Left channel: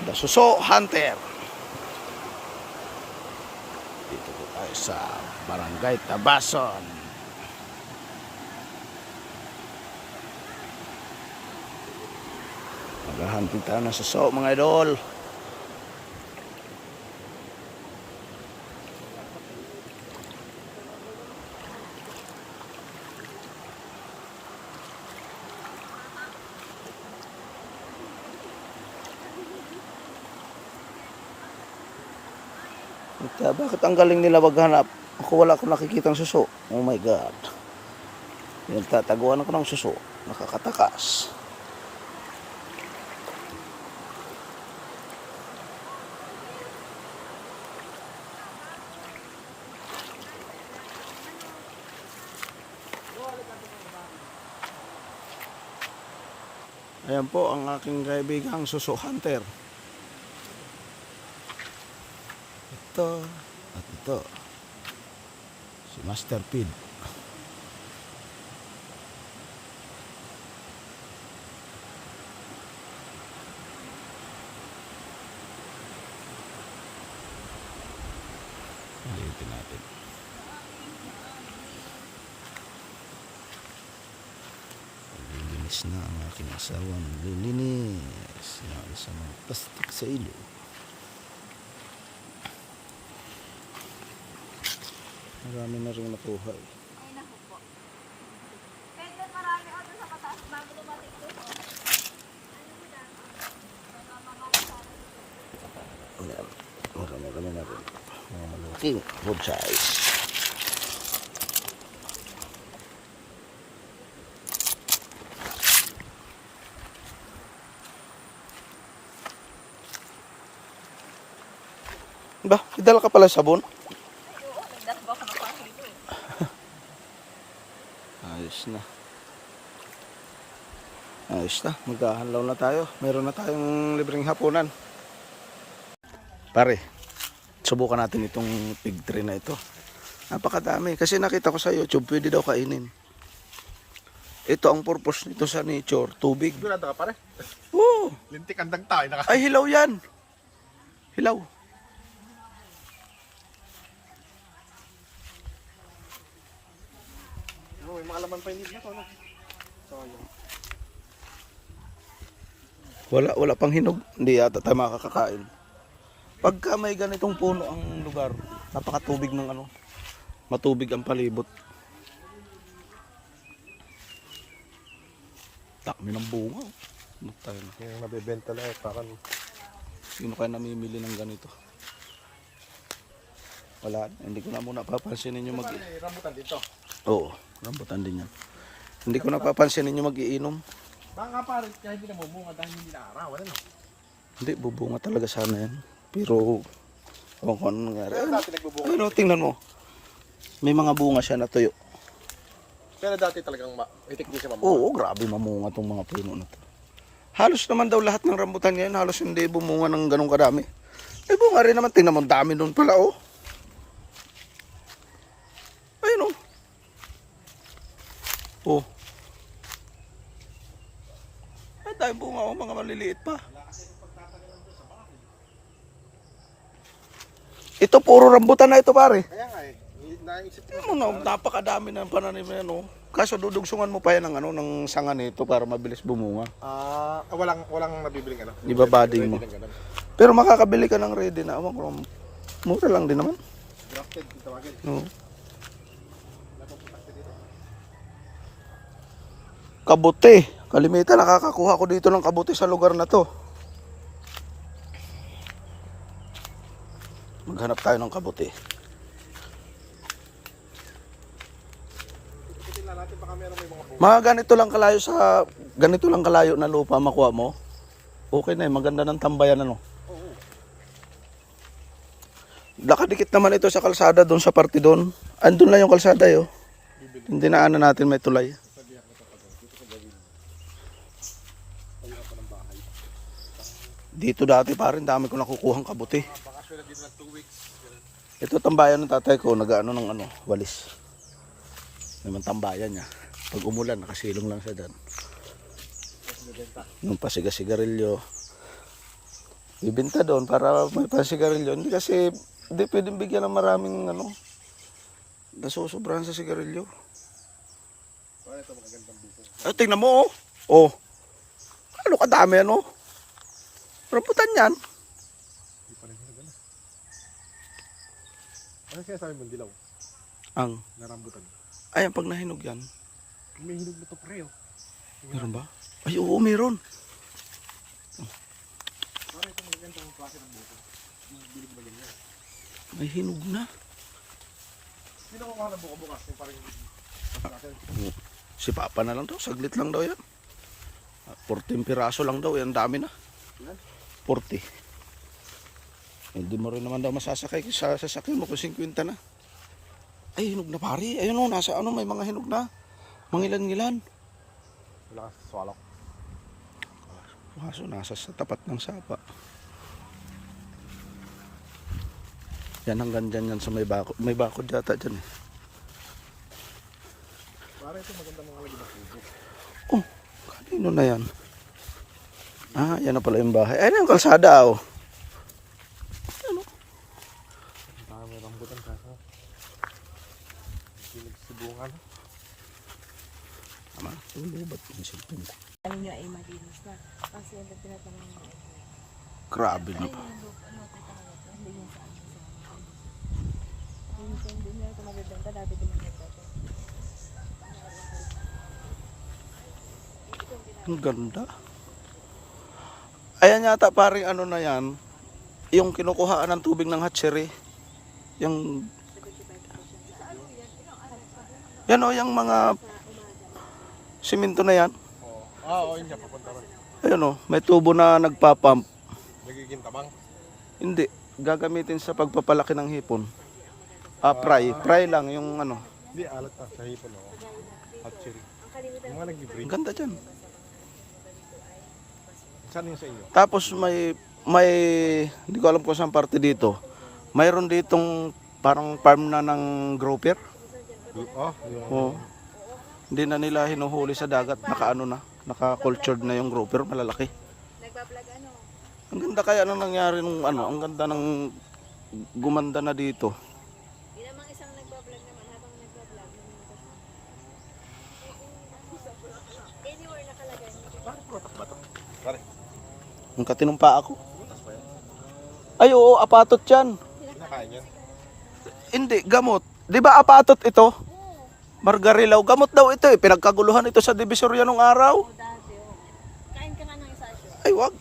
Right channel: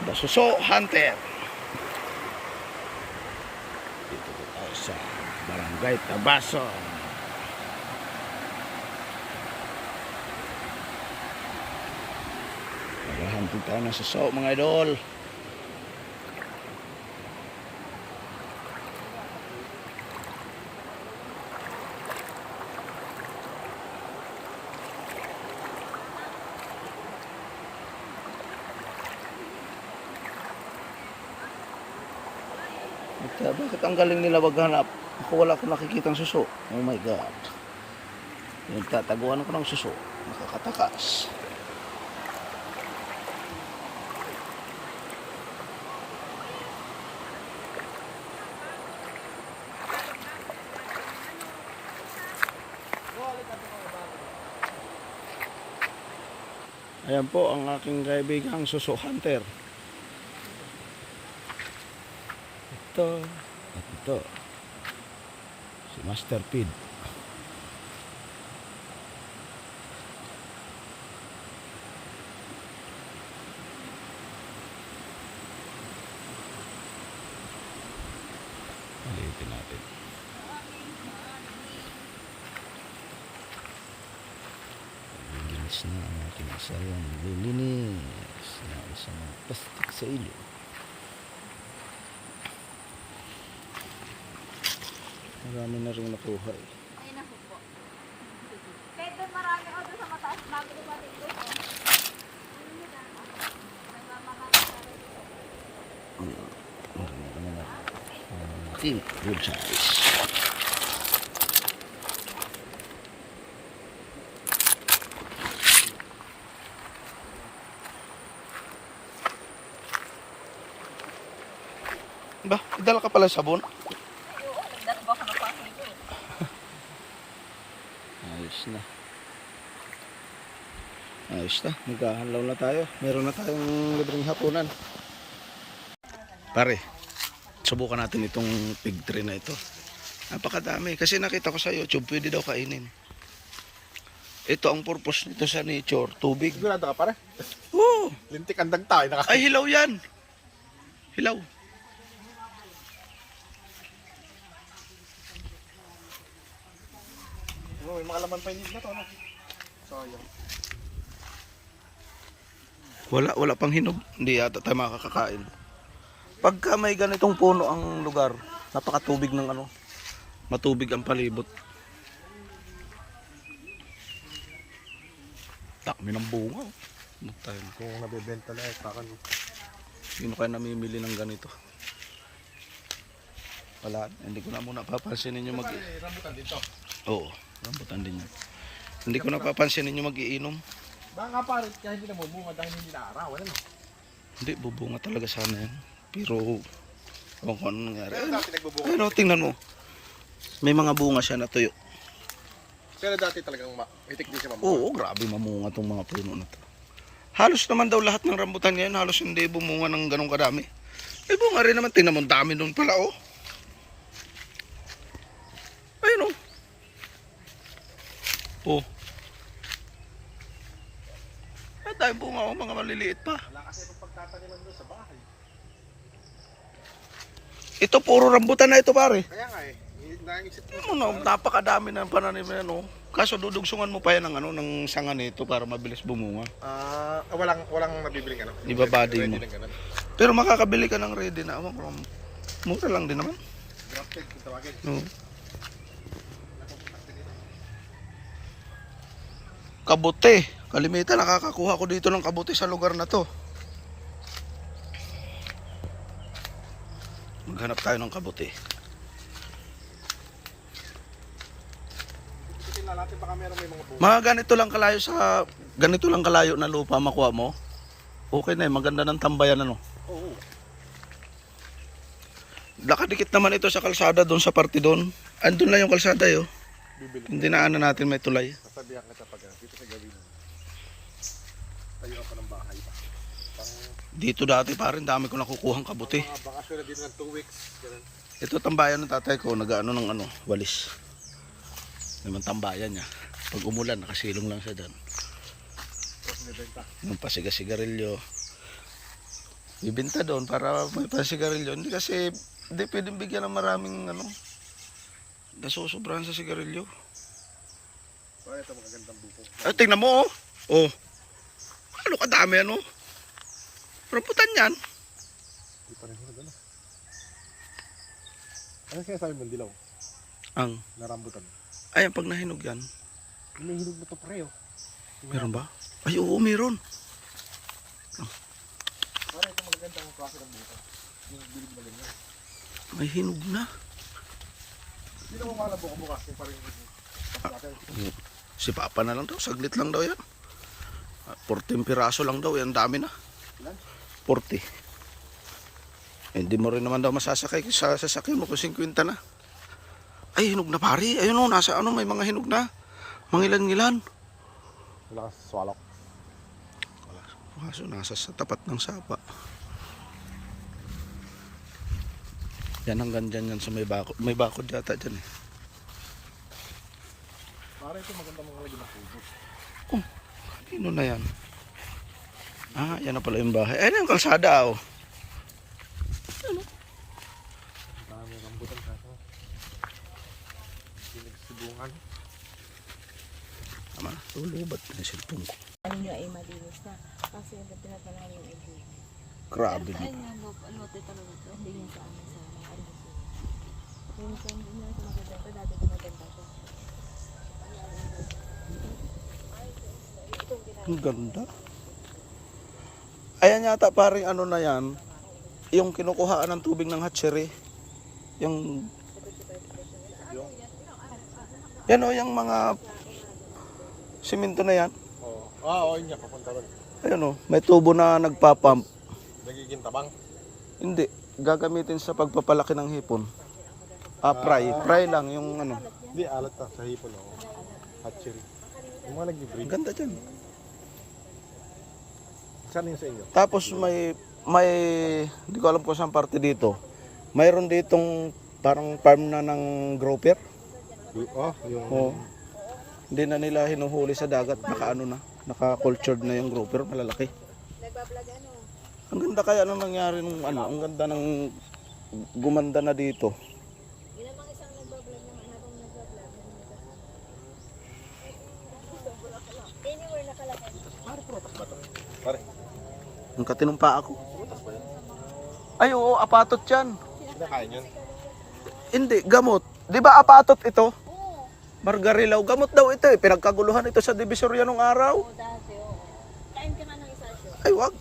The Suso Hunter. Dito po tayo sa Barangay Tabason. Maghahunting tayo ng suso mga idol. Bakit ang galing nila maghanap? Ako wala akong nakikitang suso. Oh my God. Nagtataguan ako ng suso. Nakakatakas. Ayan po ang aking kaibigang suso hunter. Ito at ito si Master Pid. Ulitin natin. Linis na ang aking asawang lilinis ng isang plastic sa ilo. Marami na rin nakuha eh. Ayun ako po. Pedro, marami ko doon sa mataas. Magulo natin doon. Ayan. Marami na rin. Okay, good size. Ba, idala ka pala sabon? Ayos na. Ayos na. Maghahanlaw na tayo. Meron na tayong libreng hapunan. Pare, subukan natin itong pig tree na ito. Napakadami. Kasi nakita ko sa YouTube, pwede daw kainin. Ito ang purpose nito sa nature. Tubig. Sigurado ka pare? Oo. Lintik ang dagta. Ay, hilaw yan. Hilaw. May mga laman pa yung na to, no? Sayang. Wala pang hinog. Hindi yata tayo makakakain. Pagka may ganitong puno ang lugar, napakatubig ng ano. Matubig ang palibot. Takmi ng bunga. Tayo na. Kung nabibenta na sa akin. Sino kaya namimili ng ganito? Wala. Hindi ko na muna papansinin yung Rambutan dito. Oo, rambutan din yun. Hindi ko na papansinin yung mag-iinom. Baka nga pare, kaya hindi namumunga dahil hindi naarawan. Ano? Hindi, bubunga talaga sana yun. Pero, kung ano nangyari. Dati nagbubunga. Ayun, tingnan mo. May mga bunga siya na tuyo. Kaya dati talagang itik din siya mamunga. Oo, grabe mamunga tong mga puno na to. Halos naman daw lahat ng rambutan ngayon, halos hindi bumunga ng ganong kadami. May bunga rin naman, tingnan mo, dami doon pala, oh. Ayun, oh. Oh. Ay, dahil bunga, oh, mga maliliit pa. Wala kasi itong pagtataniman doon sa bahay. Ito, puro rambutan na ito, pare. Kaya nga eh, naisip ko. Ano, napakadami ng pananim na yan, oh. Kaso dudugsungan mo pa yan ng, ano, ng sanga nito para mabilis bumunga. Walang nabibiling ano. Ibabading mo. Ready ng ganun. Pero makakabili ka ng ready na. Awan ko, mura lang din naman. Grafted kung tawagin. Oo. Kabuti. Kalimitan nakakakuha ko dito ng kabuti sa lugar na to. Maghanap tayo ng kabuti. Tingnan natin baka meron may mga Mga ganito lang kalayo na lupa makuha mo. Okay na eh, maganda ng tambayan ano. Oo. Nakadikit naman ito sa kalsada doon sa parte doon. Andun lang yung kalsada yo. Bibili. Hindi na ano natin may tulay. Sasabihan kita pag dito sa gawin. Tayo ka pa ng bahay. Dito dati pa rin dami ko nakukuhang kabuti. Bakasyon na dito ng 2 weeks. Ganun. Ito tambayan ng tatay ko, nag-ano ng ano, walis. Naman tambayan niya. Pag umulan, nakasilong lang siya dyan. Tapos nibenta. Yung pasiga-sigarilyo. Ibenta doon para may pansigarilyo. Hindi kasi, hindi pwedeng bigyan ng maraming ano. Nasusobrahan sa sigarilyo. So, ito magagandang buko. Ay, tingnan mo, oh. Oh. Ano kadami, ano? Rambutan yan. Hindi pa rin hinog, ano? Ano sinasabi mong dilaw? Ang, Narambutan. ayan, pag nahinog yan. May hinog na to pre, oh. Meron ba? Ay, oo, meron. Para ito magagandang klase ng buko. Yung bilog na ganyan. May hinog na. Sino mo ka na buko bukas? Yung parang natin. Si Papa na lang daw, saglit lang daw yan. 14 piraso lang daw, yan dami na. Ilan? 40. Hindi mo rin naman daw masasakay sa sasakyan mo kung 50 na. Ay, hinog na pari. Ayun o, nasa ano, may mga hinog na. Mangilan-ngilan. Wala kang swalok. Kaso nasa sa tapat ng sapa. Yan hanggang dyan yan sa may bakod. May bakod yata dyan eh. Para ito maganda mga lagi na puso. Oh, ano na yan? Ah, yan na pala yung bahay. Ayun yung kalsada oh. Ano? Dami rambutan kaso. Sibungan. Tama, lulubat na yung cellphone ko. Ano nyo ay malinis na. Kasi ito tinatanong yung ay blue. Grabe na Ay, pa. ano talaga ito. Hindi yun sa amin sa kondisyon. Yun sa hindi nyo ito magaganda. Dati ito maganda ito. Ang ganda. Ayan yata paring ano na yan. Yung kinukuhaan ng tubig ng hatchery. Yung... Yan o, yung mga simento na yan. Oo. Oo, yun niya. Papunta ron. Ayun o, may tubo na nagpapump. Nagiging tabang. Hindi, gagamitin sa pagpapalaki ng hipon. Ah, fry lang yung ano. Hindi, alat na sa hipon. Oh. Hatchery. Yung mga nag-breed. Ang ganda dyan. Saan yun sa inyo? Tapos may hindi ko alam kung saan parte dito. Mayroon ditong parang farm na ng grouper. Oh, yung... Oo. Hindi na nila hinuhuli sa dagat, naka-ano na, naka-cultured na yung grouper, malalaki. Nagbablog ano? Ang ganda kaya nang nangyari nung ano, ang ganda ng gumanda na dito. Yun namang isang nagbablog naman habang nagbablog. Anywhere nakalagay. Parang prutas ba ito? Parang. Ang katinumpa ako. Prutas ba yan? Ay oo, apatot yan. Kinakain yan? Hindi, gamot. Di ba apatot ito? Oo. Margarilaw, gamot daw ito eh. Pinagkaguluhan ito sa Divisoria nung araw. Dati oo. Kain ka nga ng isa asyo. Ay wag.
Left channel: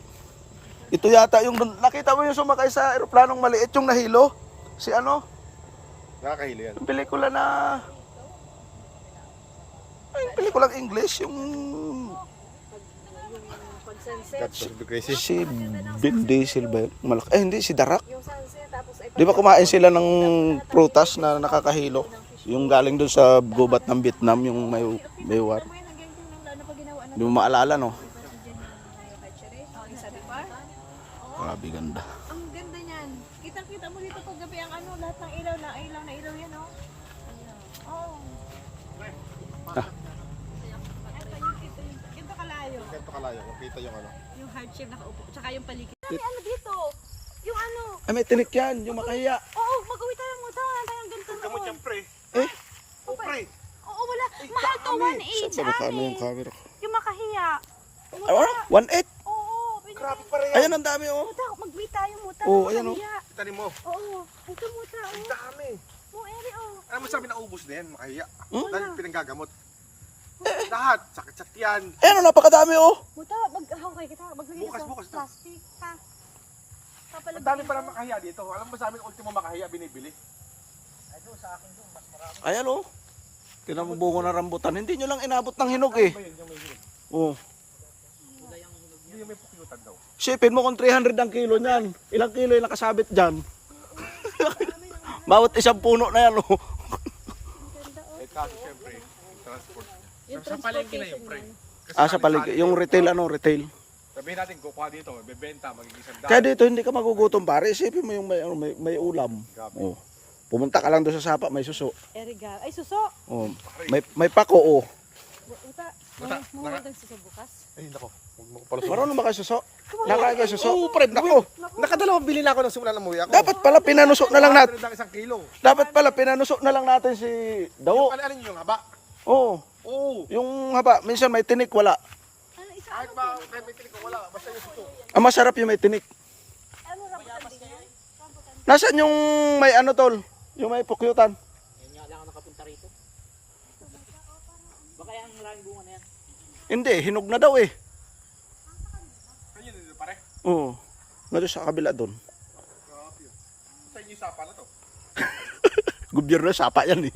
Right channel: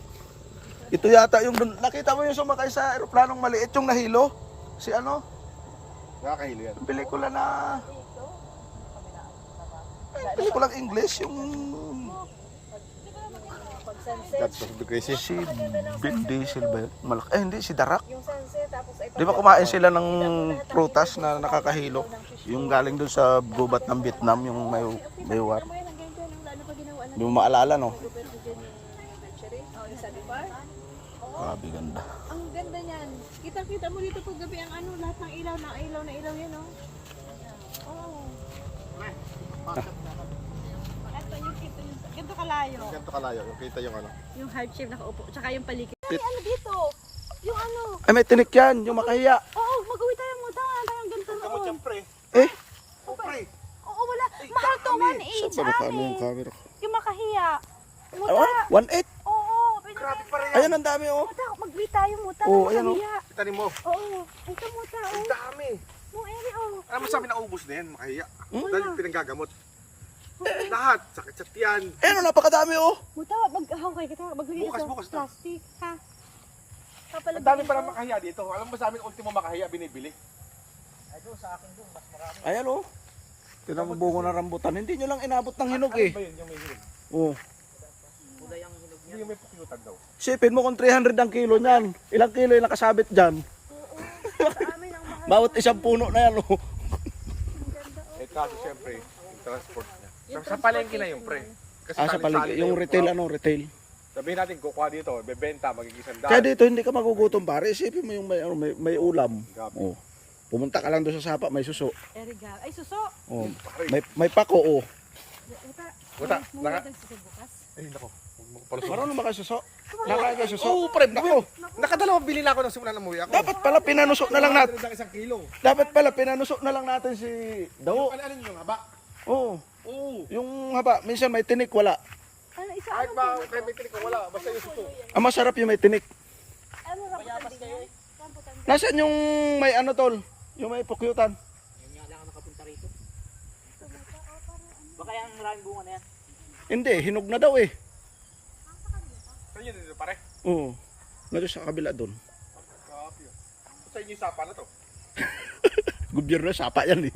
Ito yata yung, nakita mo yung sumakay sa aeroplanong maliit yung nahilo? Si ano? Nakakahili yan. Yung pelikula na... Ay, yung pelikulang English, yung... Pag sunset. That's education. Si Vin Diesel ba yun? Malaki. Eh hindi, si Darak. Yung sunset tapos ay Di ba kumain sila ng prutas na nakakahilo? Yung galing doon sa gubat ng Vietnam, yung may war. may hanggang dyan ang lalo pa ginawa na. Hindi mo maalala, no? Hatchery. Yung sa Dipar. Grabe ganda. Ang ganda niyan. Kitang-kita mo dito pag gabi ang ano, lahat ng ilaw na ilaw yan, oh. Oo. Ito yung kita yung ganito kalayo. Ganito kalayo. Kung kita yung ano. Yung hard shape nakaupo, tsaka yung paligid. Ay, ano dito? Yung ano? Ay, may tinik yan, yung makahiya. Oo, mag-uwi tayo ng utang. Ang ganito na. Oh. Siyempre. Eh, Oh, pre. Oo, wala. Mahal to, 1.8 saan ba nakano yung camera ko? Yung makahiya. Ano? 1.8? Oo, pinabenta. Ayan, ang dami oh. Muta, mag-uwi tayo, muta. Oo, ayan, oh. Makahiya. Itanin mo. Oo, ito muta, oh. Dami. Mo, eri, oh. Alam mo sabi na ubos na yan, makahiya. Hmm? Dahil pinanggagamot. Lahat, sakit sa tiyan. Ayan, oh, napakadami oh. Muta, mag-haway kita. Mag-uwi Bukas, sa bukas na. plastic, ha? Ang dami para makahiya dito. Alam mo sa amin, ultimo makahiya binibili. Ayan oh. Tinamubungo na rambutan. Hindi nyo lang inabot ng hinog eh. Ba yun, yung may hinog? Oh. Hindi yung may pinutan daw. Sipin mo kung 300 ang kilo niyan. Ilang kilo yung nakasabit dyan? Amin ang mahal. Bawat isang puno na yan oh. Ang ganda, oh. Eh kaso siyempre, yung transport na. Sa palengke na yun, pre. Kasi Ah, sa paligid. Yung retail ano, retail. sabihin natin, kukuha dito, bebenta, magiging 100. Kaya dito hindi ka magugutom pare. Isipin mo yung may ulam. Oh. Pumunta ka lang doon sa sapa, may suso. Eriga. Ay, suso. Oh. May pako oh. Uta. Uta, Mumudag sa bukas. Ay, nako. Huwag Marunong ba kayo suso? Nakain kayo suso? Oo, pre. Nako. Nakadalawang bili na ako ng simula ng muwi ako. Dapat pala pinanusok na lang natin. 100 ang isang kilo. Dapat pala pinanusok na lang natin si Dawo. Ano yung haba? Oo. Oo. Yung haba, minsan may tinik, wala. Ano, isa Kahit ba, may tinik ko wala. Basta yung suko. Ang masarap yung may tinik. ano rambutan din yan? Rambutan. Nasaan yung may ano tol? Yung may pukyutan? Ngayon nga lang ako nakapunta rito. Baka yung maraming bunga na yan. Hindi, hinog na daw eh. Saan yun dito pare? Oo. Meron sa kabila doon. Grabe yun. Saan yung sapa na to? Gobyerno, sapa yan eh.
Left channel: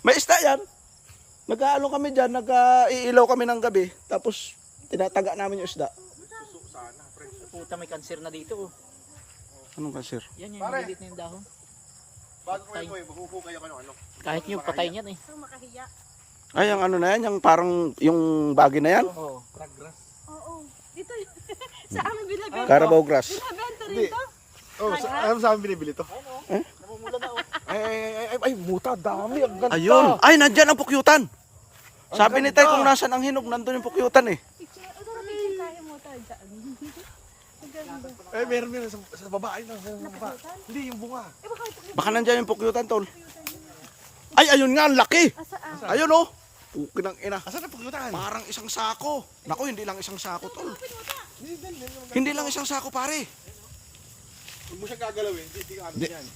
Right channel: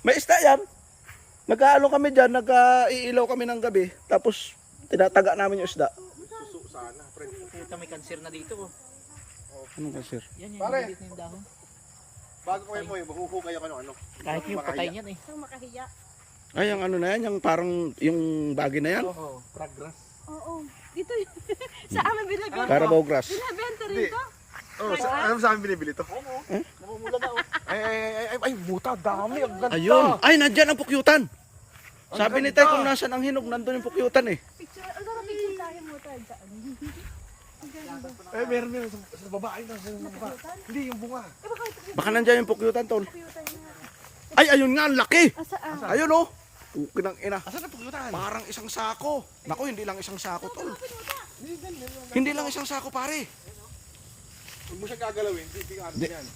May isda yan. Nag-aalo kami dyan, nag-iilaw kami ng gabi. Tapos, tinataga namin yung isda. Suso sana, pre. Puta, may cancer na dito. Oh. Anong kasir? Yan yung Pare. maliit na yung dahon. Bago kayo mo yung mahuhukay ako ng ano. Kahit yung patay niyan eh. Isang makahiya. Ay, ang ano na yan, yung parang, yung bagay na yan. Oo. Crabgrass. Oo. Dito yun. Sa amin binabenta. Carabao grass. Binabenta rin to. Oh, ano sa amin binibili to? Namumula na oh. Ay, buta, dami. Ang ganda. Ayun. Ay, nandyan ang pukyutan. Sabi ni Tay kung nasan ang hinog, nandun yung pukyutan eh. Picture. Ang sarap picture tayo mo talaga. Ang ganda. Eh, meron din sa baba. Ay, nasa baba. Napukutan? Hindi, yung bunga. Eh baka ito Baka nandyan yung pukyutan, tol. computer niya. Ay, ayun nga, ang laki. Saan? Ayun oh. Pukin ng ina. Asan na pagkutan? Parang isang sako. Naku, hindi lang isang sako, tol. Hindi lang isang sako, pare. Hindi mo siya gagalawin. Hindi ka ano Hindi. yan.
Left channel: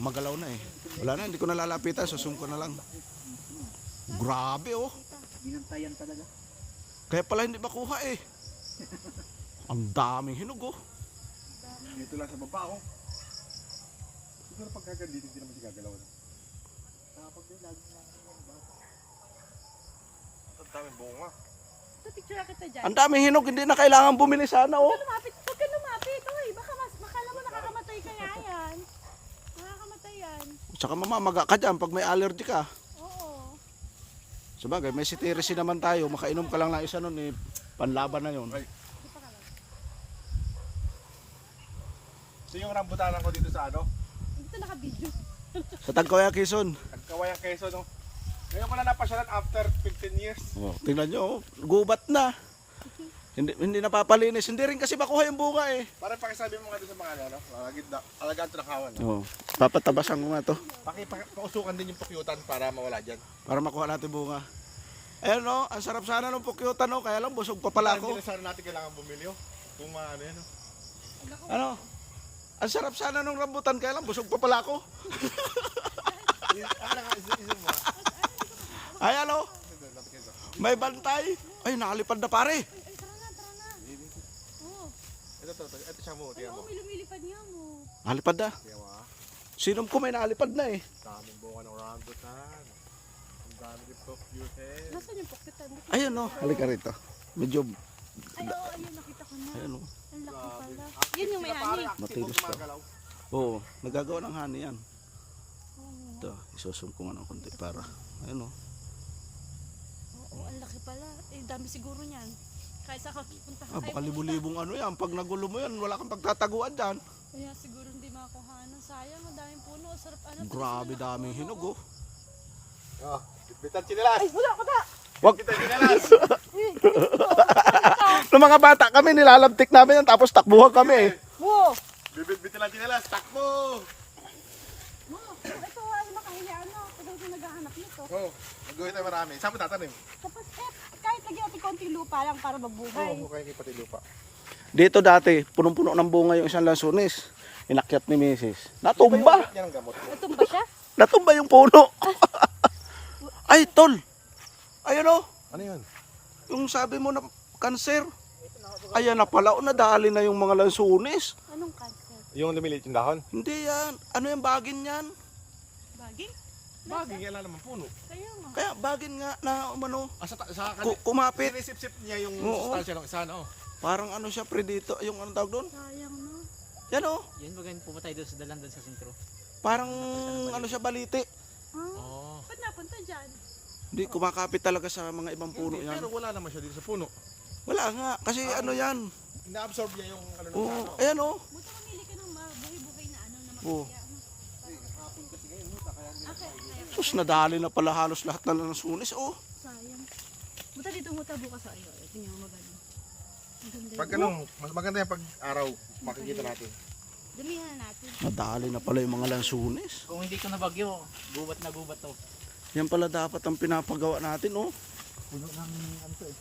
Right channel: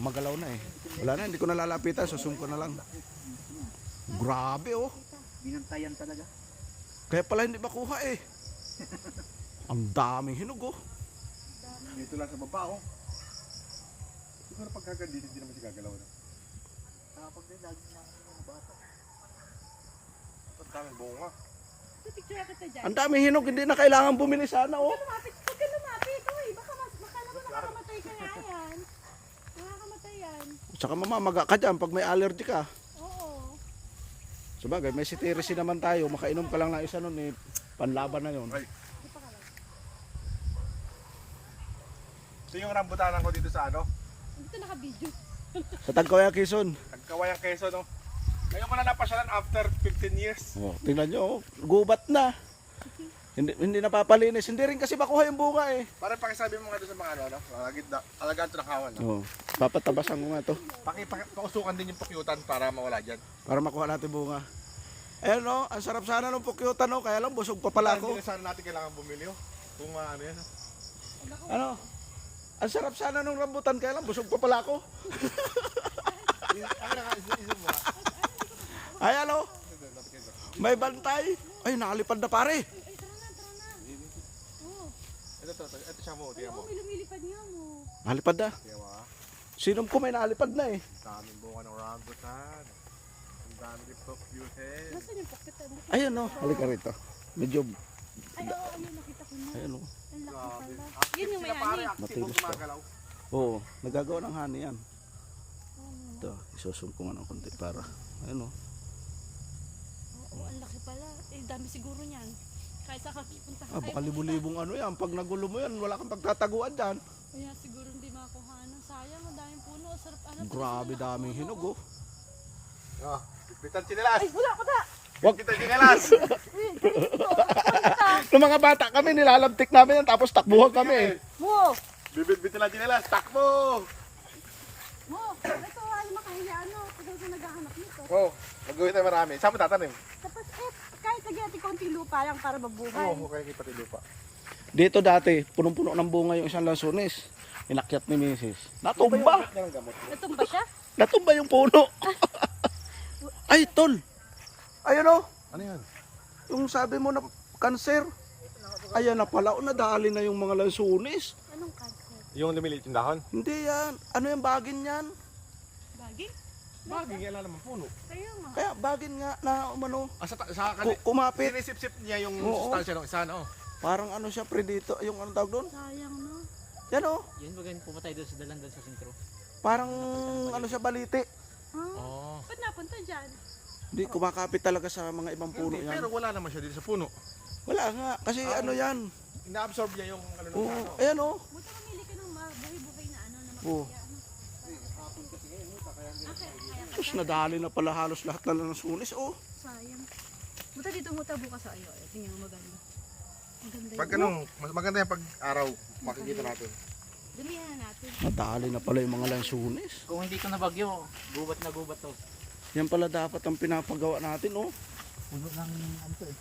Magalaw na eh. Wala na, hindi ko na lalapitan. Susum ko na lang. Grabe oh. Binantayan talaga. Kaya pala hindi makuha eh. Ang daming hinog oh. Dito lang sa baba, oh. Siguro pagkagan dito, hindi naman siya gagalaw. No? Kapag din, lagi na kami yung bata. Ang daming bunga. Sa picture kita dyan. Ang daming hinog, hindi na kailangan bumili sana oh. Huwag ka lumapit. Uy, baka naman nakakamatay ka nga yan. Nakakamatay yan. Tsaka mamamaga ka dyan pag may allergy ka. Oo. Sabagay, may citizen naman tayo. Makainom ka lang ng isa nun eh. Panlaban na yun. Right. So yung rambutanan ko dito sa ano? Dito naka-video. Sa Tagkawaya, Quezon. Nagkawayang keso, no? Ngayon ko na napasyalan after 15 years. Oh, tingnan nyo, oh. Gubat na. Hindi napapalinis. Hindi rin kasi makuha yung bunga eh. Para pakisabi mo nga doon sa mga ano, no? Alagaan ito ng hawan. No? Oh, papatabasan ko nga to. Pausukan din yung pakyutan para mawala dyan. Para makuha natin bunga. Ayan no, ang sarap sana ng pukyutan no. Kaya lang busog pa pala ako. Hindi na sana natin kailangan bumili, oh. Kung ano yan, no? Ano? Ang sarap sana ng rambutan. Kaya lang busog pa pala ako. Ayan no. May bantay. Ay, nakalipad na pare. Ay, tara na. Oo. Ito siya mo, tiyan mo. Oo, may lumilipad nga mo. Nakalipad na. Tiyan mo, ha? Sinom ko may nakalipad na eh. Daming bunga ng rambutan. Ang dami din pakyutan. Nasaan yung pocket? Ayun no. Halika rito. Medyo, Ay, oo, ano, nakita ko na. ayun no. Ang laki pala. Yun yung may hani. Matilis pa. Oo, nagagawa ng honey yan. Ito, isusum ko nga ng konti para. Ayun no. Oo, ang laki pala. Eh, dami siguro niyan. Kahit sa kapunta Ah, baka libu-libong ano yan. Pag nagulo mo yan, wala kang pagtataguan dyan. Kaya siguro hindi makuha. Ano, sayang, ang daming puno. Ang sarap. Ano, Grabe daming hinog oh. Oh, bitan chinelas. Ay, wala ka na. Wag. Bitan chinelas. Nung mga bata kami, nilalabtik namin yan. Tapos takbuhan kami eh. Mo! Bibit-bitin lang chinelas. Takbo! Mo! Ito ay makahiya. Ano, tagal ko naghahanap nito. Oh, mag-uwi tayo marami. Saan mo tatanim? Tapos, kahit lagyan natin konti lupa lang para mabuhay. Oo, oh, kaya pati lupa. Dito dati, punong-puno ng bunga yung isang lansunis. Inakyat ni Mrs. Natumba. Yan ang gamot. Ito ba siya? Natumba yung puno. Ay, tol. Ayun oh. Ano yan? Yung sabi mo na kanser. Ayan na pala. O, nadali na yung mga lansunis. Anong cancer? Yung lumiliit yung dahon? Hindi yan. Ano yung bagin yan? Bagay? Bagay, yan lang naman puno. Kaya nga. Kaya bagin nga na umano. Ah, sa Kumapit. sinisip-sip niya yung Oo. sustansya ng isa, no? Parang ano siya, predito. Yung anong tawag doon? Sayang no. Yan oh. Yan, gawin pumatay doon sa dalan doon sa sentro. Parang ano siya, baliti. Oo. Ba't napunta dyan? Hindi, kumakapit talaga sa mga ibang puno yan. Pero wala naman siya dito sa puno. Wala nga. Kasi ano yan. Na-absorb niya yung ano ng Oo. ano. Ayan oh. Buta mamili ka ng buhay-buhay na ano na Oo. makahiya. Ano? Tapos nadali na pala halos lahat na lansunis. Oh. Sayang. Buta dito mo bukas sa iyo. Tingnan mo maganda. Maganda Pag yun. ano, mas maganda yan pag araw, makikita natin. Damihan na natin. Nadali na pala yung mga lansunis. Kung hindi ko nabagyo, gubat na gubat to. Yan pala dapat ang pinapagawa natin, oh. Puno ng ano to eh.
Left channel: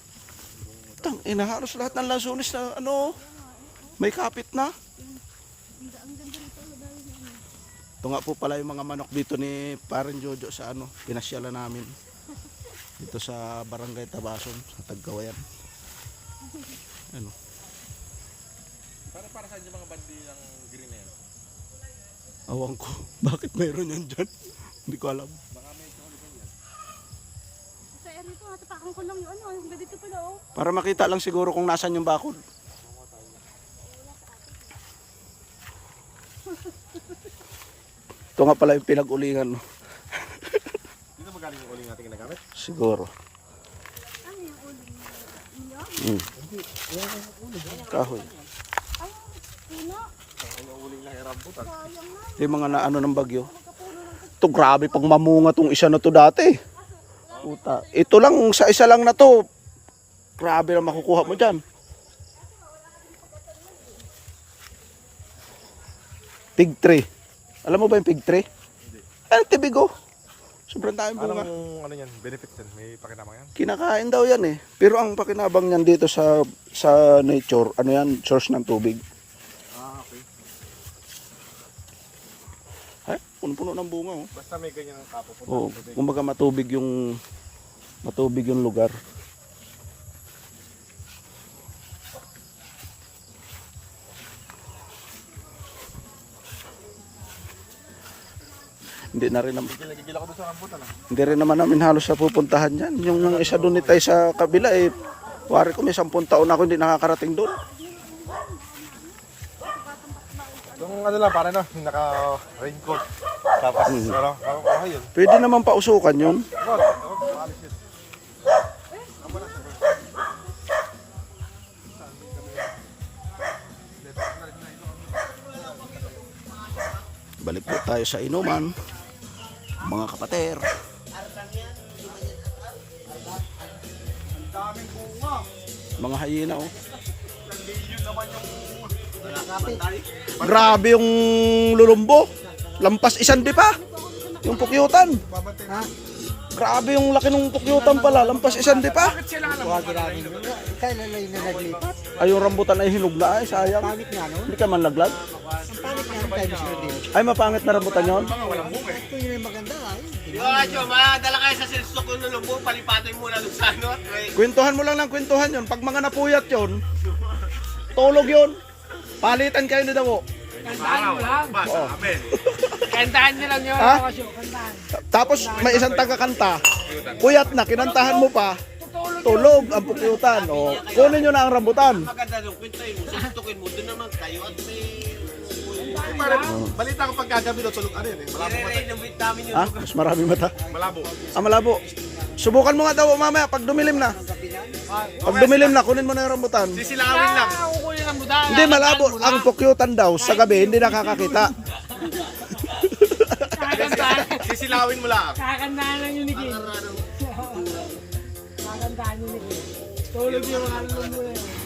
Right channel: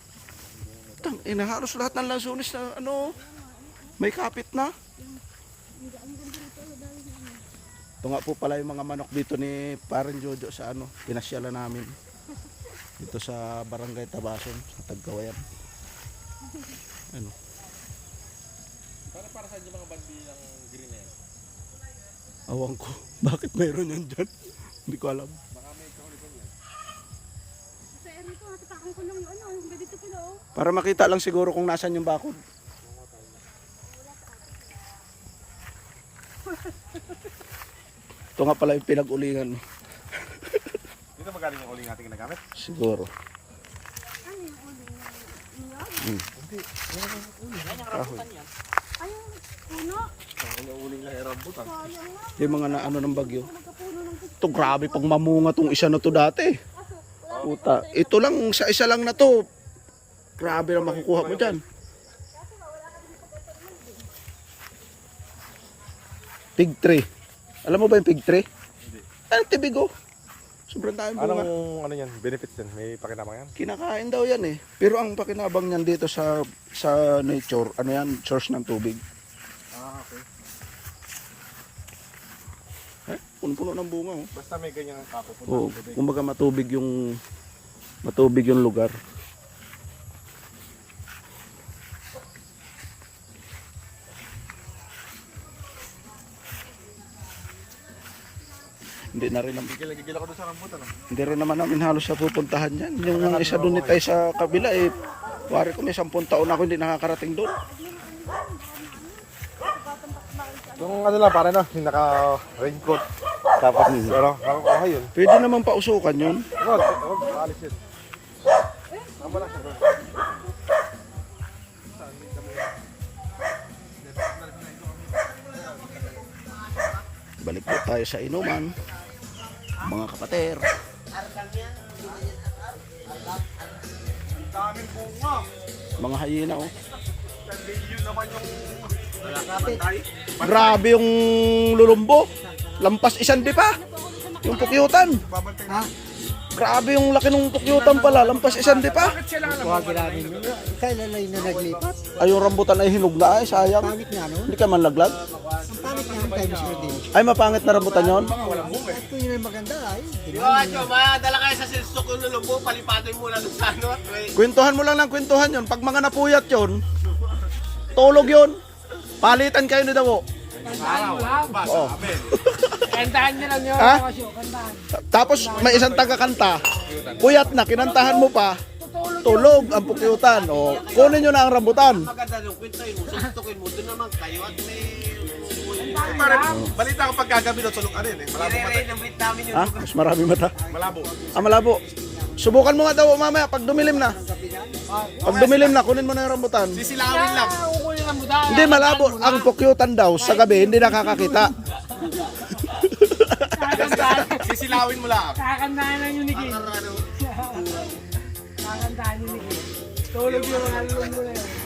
Tang, halos lahat ng lansunis na ano, may kapit na. Ang ganda nito. Ang dami na ano. Ito nga po pala yung mga manok dito ni Parin Jojo sa ano, pinasyalan namin. Dito sa Barangay Tabason, sa Tagkawayan. Ano? Para saan yung mga bandi ng green na yan? Awang ko. Bakit mayroon yan dyan? Hindi ko alam. Kaya rito, matapakan ko ng ano. Ang ganda dito pala oh. Para makita lang siguro kung nasan yung bakod. Ito nga pala yung pinag-ulingan. No? Hindi na magaling yung uling natin ginagamit? Siguro. Ano yung uling na iyo? Kahoy. Ay, puno. Yung uling na rambutan. Sayang na. Yung mga naano ng bagyo. Ito grabe pang mamunga tong isa na to dati. Puta. Ito lang, sa isa lang na to. Grabe na makukuha mo dyan. Pig tree. Alam mo ba yung pig tree? Ay, tibigo. Sobrang daming bunga. Anong ano yan, benefits din? May pakinabang yan? Kinakain daw yan eh. Pero ang pakinabang niyan dito sa nature, ano yan, source ng tubig. Ah, okay. Ha? Puno-puno ng bunga oh. Basta may ganyan ang tapos. Oo, kumbaga matubig yung lugar. Hindi na rin naman. Gigil ako doon sa rambutan. Hindi rin naman namin halos sa pupuntahan yan. Yung isa doon tayo sa kabila eh. Wari ko may 10 taon ako hindi nakakarating doon. Yung ano lang, para na, yung naka-raincoat. Tapos, ano, okay yun. Pwede naman pausukan yun. Wag, alis yun. Balik po tayo sa inuman. Mga kapater. Daming bunga. Mga hyena oh. Bilyon naman yung Grabe yung lulumbo. Lampas isang di pa. Yung pukyutan. babantay na. Grabe yung laki ng pukyutan pala. Lampas isang di pa. Tawagin namin yun. Kailan lang na naglipat? Ay yung rambutan ay hinog na ay sayang. Pangit nga no? Hindi ka man laglag. Ang pangit nga yung kay Mr. Deal. Ay mapangit na rambutan yon. Walang bunga eh. Ito yung maganda ay. Yo, Acho, madala kayo sa silstok yung lulumbo, palipatin mo lang sa ano. Kwentuhan mo lang ng kwentuhan yon. Pag mga napuyat yon, tulog yon. Palitan kayo ni Dawo. Kantahan mo lang. Oo. Kantahan nyo lang yun. Ha? Tapos may isang taga-kanta. Puyat na, kinantahan mo pa. Tulog ang pukyutan. O, kunin nyo na ang rambutan. Maganda yung kwintoy mo, silstokin mo, doon naman kayo at may... Balita ko pagkagabi na tulog ano yun eh. Malabo. Nire-rain ng vitamin yung Ha? Mas marami mata. Malabo. Ah, malabo. Subukan mo nga daw mamaya pag dumilim na. Pag dumilim na, kunin mo na yung rambutan. Sisilawin lang. kukunin ang muda. Hindi malabo. Ang pukyutan daw sa gabi, hindi nakakakita. Sisilawin mo lang. Kakantahan lang yung niging. Kakantahan yung niging. Tulog yung ano mo yun.